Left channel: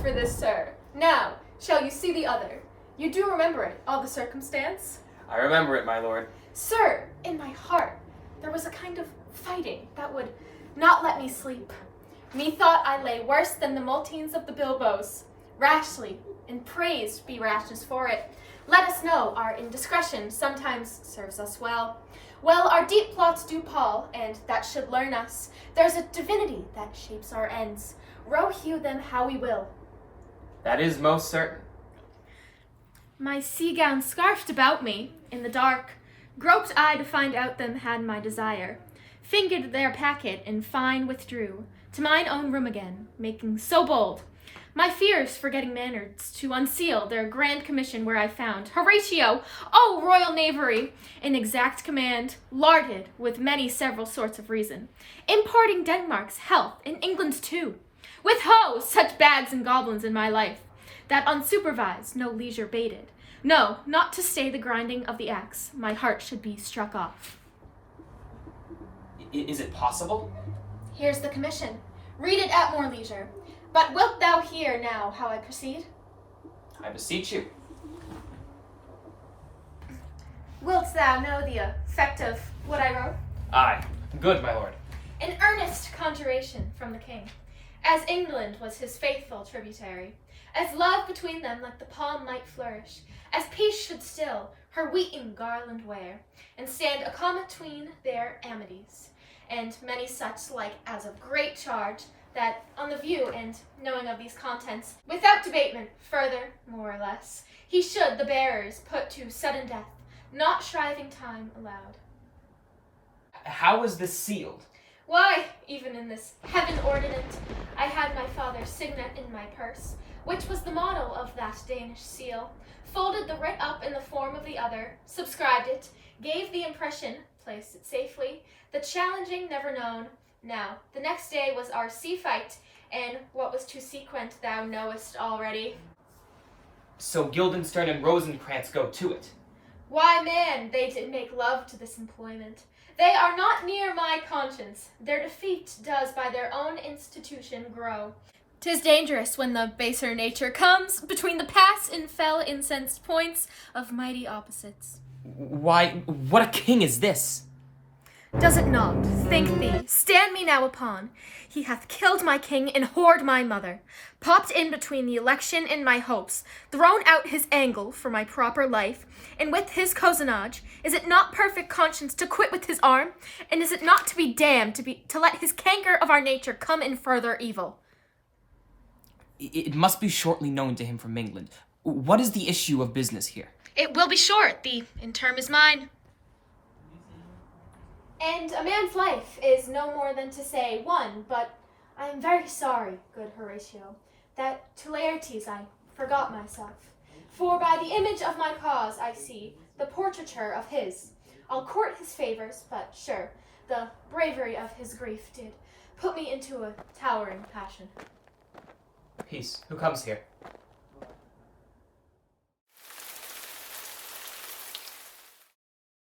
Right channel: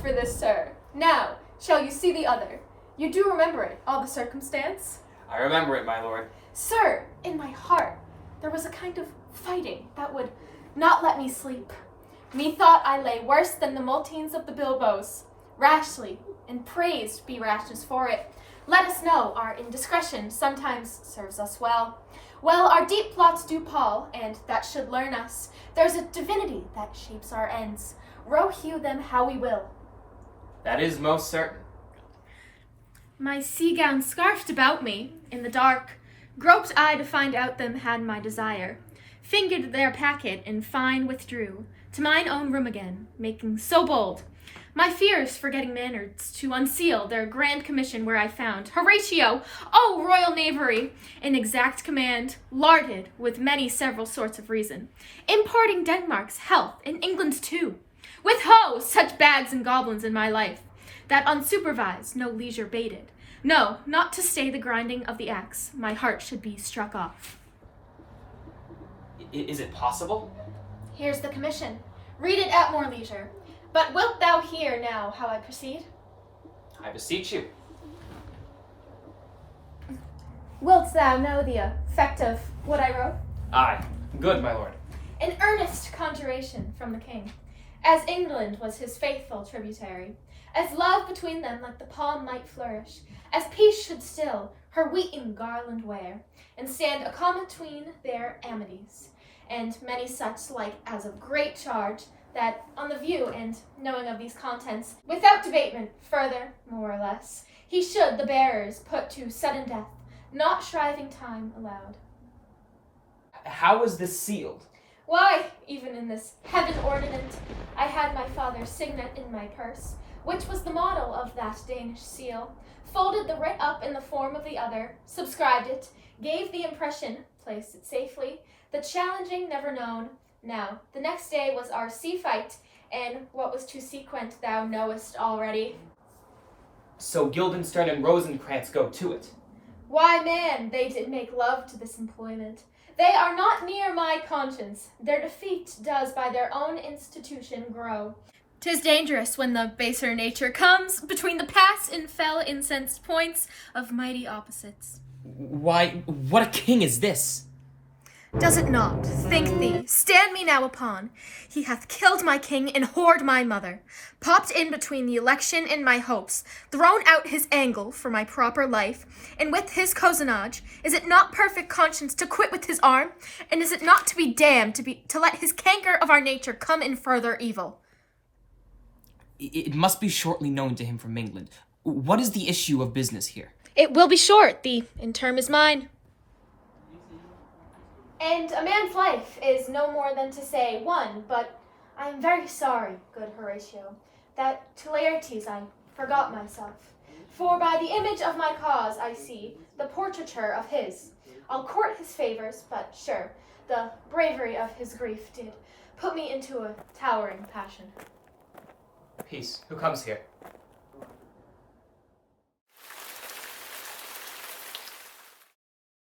for this, sir. Now, shall you see the other? You do remember it, all the circumstance? I remember it, my lord. Sir, in my heart, there was a kind of fighting that would not let me sleep. Methought I lay worse than the multitudes of the bilboes. Rashly, and praised be rashness for it. Let us know our indiscretion sometimes serves us well. Well, our deep plots do pall, and that should learn us. There's a divinity that shapes our ends. Row hew them how we will. That is most certain. My sea gown scarfed about me, in the dark, groped I to find out them had my desire. Fingered their packet, and fine withdrew to mine own room again, making so bold my fears forgetting manners to unseal their grand commission where I found Horatio, oh royal knavery, in exact command, larded with many several sorts of reason, importing Denmark's health in England too. With ho, such bags and goblins in my life, that unsupervised no leisure baited. No, not to stay the grinding of the axe, my heart should be struck off. Is it possible? Here's the commission. Read it at more leisure. But wilt thou hear now how I proceed? I beseech you. Wilt thou know the effect of what I wrote? Aye. Good, my lord. An earnest conjuration from the king, as England was his faithful tributary, as love between them like the palm might flourish, as peace should still her wheaten garland wear, and stand a comma tween their amities, and many such like as of great charge, that on the view and knowing of these contents, without debatement, further, more or less, he should the bearers put to sudden death, not shriving time allowed. How is this sealed? Why, even in this heaven ordinant, I had my father's signet in my purse, which was the model of that Danish seal, folded the writ up in the form of the other, subscribed it, gave the impression, placed it safely, the challenging never known. Now, the next day was our sea fight, and what was to sequent thou knowest already. So Guildenstern and Rosencrantz go to it. Why, man, they did make love to this employment. They are not near my conscience. Their defeat does by their own institution grow. 'Tis dangerous when the baser nature comes between the past and fell incensed points of mighty opposites. Why, what a king is this? Does it not? Think thee, stand me now upon. He hath killed my king and whored my mother, popped in between the election and my hopes, thrown out his angle for my proper life, and with his cozenage, is it not perfect conscience to quit with his arm? And is it not to be damned to let his canker of our nature come in further evil? It must be shortly known to him from England. What is the issue of business here? It will be short, the interim is mine. And a man's life is no more than to say one, but I am very sorry, good Horatio, that to Laertes I forgot myself. For by the image of my cause I see the portraiture of his. I'll court his favors, but sure, the bravery of his grief did put me into a towering passion. Peace. Who comes here?